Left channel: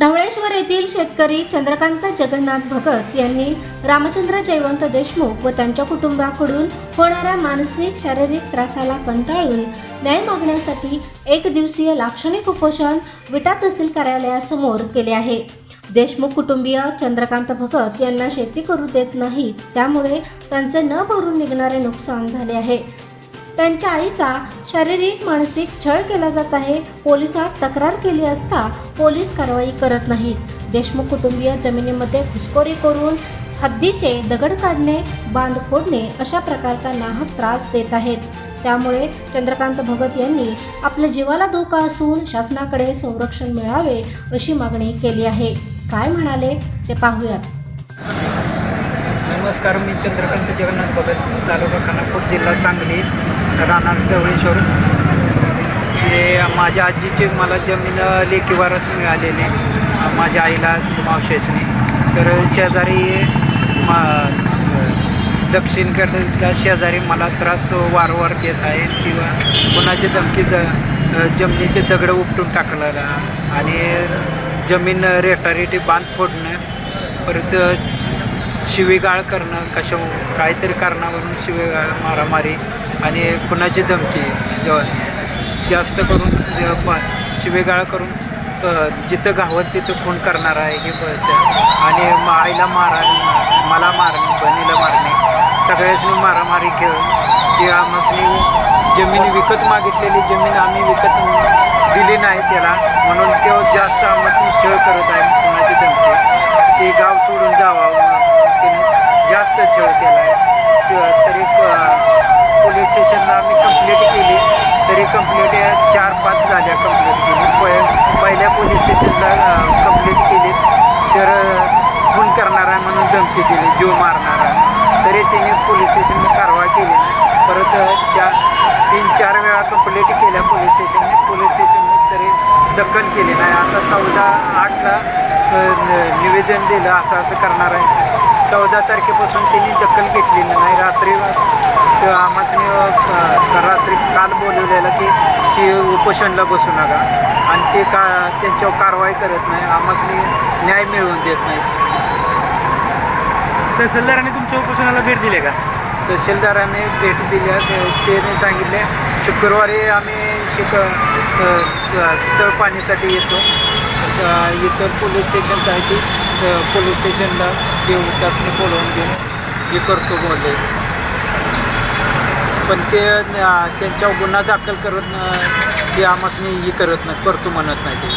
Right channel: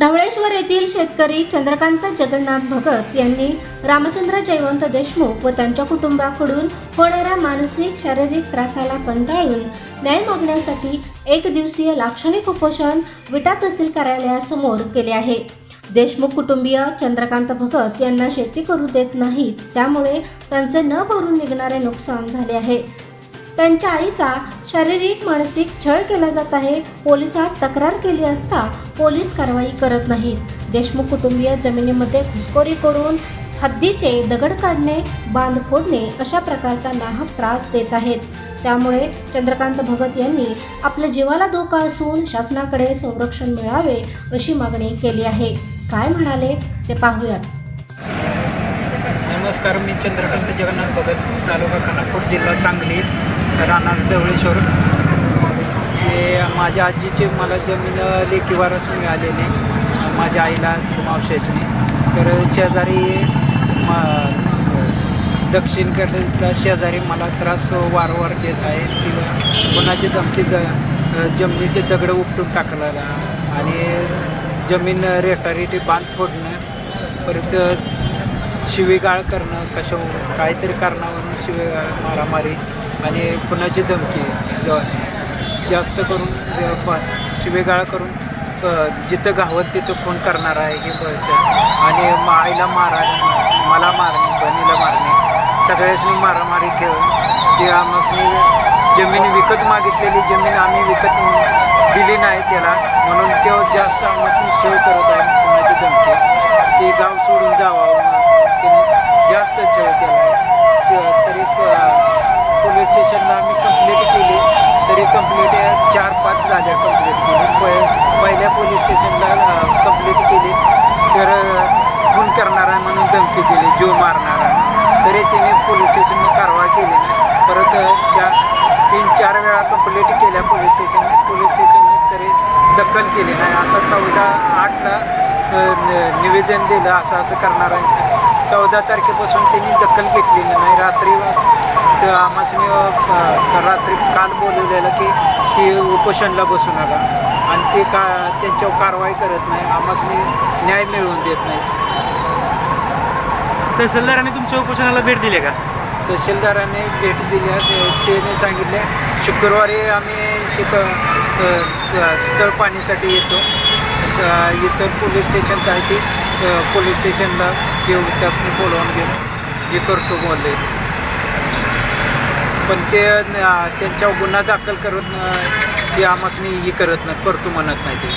ढवळेश्वर येथील शेतकरी चंद्रकांत जगन्नाथ भगत यांनी रामचंद्र जयवंत देशमुख व त्यांच्या कुटुंबाकडून होणाऱ्या मानसिक शारीरिक त्रासाला कंटाळून न्याय मागण्यासाठी एक दिवसीय लाक्षणिक उपोषण विटा तहसील कार्यालयासमोर केले आहे. देशमुख कुटुंबीय चंद्रकांत भगत यांना शेती करू देत नाहीत त्यामुळे त्यांचे न भरून निघणारे नुकसान झाले आहे. त्यांच्या आईचा शारीरिक मानसिक छळ केला जात आहे. पोलिसात तक्रार केली असता पोलीस कारवाई करत नाहीत. देशमुख कुटुंबीय जमिनीमध्ये घुसखोरी करून हद्दीचे दगड काढणे बांध फोडणे अशा प्रकारचा नाहक त्रास देत आहेत. त्यामुळे चंद्रकांत भगत यांनी आपल्या जीवाला धोका असून शासनाकडे संरक्षण मिळावे अशी मागणी केली आहे. काय म्हणाले ते पाहूयात. नमस्कार मी चंद्रकांत जगन्नाथ भगत तालुका खानापूर जिल्हा सांगली. राहणार ढवळेश्वर ते माझ्या आजीची मला जमीन लेकीवारच वारस मिळालेली. माझ्या आईला मावशेसने तर शेजारी मा दक्षिणकडचा शेजारी मला त्रास वारंवार देत आहे. किंवा कोणाची धमकी ज जमिनीचे दगडं उपटून टाकलेला आणि जमीन रेटारेटी बांध फोडणं परत शिवेगाळ करणं कशा काहीतरी कारणावरून शिवेगाळ मारामारी आणि कुणाची धमकी जास्त करून शिवेगाळ करून जिथं घावत तिथं खून करणार आहे हे बघ आणि म- आईला मारा मला मारणे बहिणीला मारणे सगळ्यासनी मारामारी खेळ की आमसनी जमीन विकत मागितलेली जमीन आम्ही विकत दिली नाही त्याला. म्हणून तो जास्त आमसनी छळ करत आहे कुणाची धमकी. ते गाव सोडून जावा. त्याने जास्त छळ केला आहे. तरी पोलीस स्टेशनला आम्ही कंप्लेंट केली. तरी कंप्लेंट चार पाच झाल्या कंप्लेंट केली. प पहिल्या पोलीस स्टेशनला कंप्लेंट केली. तर अ, खून करणार आहे म्हणून धमकी दिली. जीव मारणार आहे. तरी त्याने पोलीस स्टेशनने कारवाई केली नाही. परत चार तीन चार वेळा कंप्लेंट केल्या पोलीस स्टेशनने. पोलीस स्टेशनने तरी दखल केली नाही. आता चौदा आठला न- निवेदन दिलं. असं असं करणार आहे. चौदा तारखेपासून त्यांनी दखल घेतलेली नाही. रात्री तर रात्री काल बोलवलेलं की की उपोषणला बसू नका. आणि ते का त्यांच्यावर कारवाई करत नाही. आम्हासनी न्याय मिळवून देत नाही. तहसीलदारांनी तुमच्या उपोषणाला भेट दिली का? तहसीलदाराने भेट दिल्या ते- त्याने सांगितले शुक्रवारी आम्ही शिक स्थळ पाणीसाठी येतो. इथं पोलीस स्टेशनचं आहे ती. पोलीस स्टेशनला येऊ त्यासनी बोलवून घेऊन हे करतो बोलले. पण ते त्यांच्यावर गुन्हा दाखल करत ते आम्हासनी हे करत नाही करतो म्हणत नाही ते.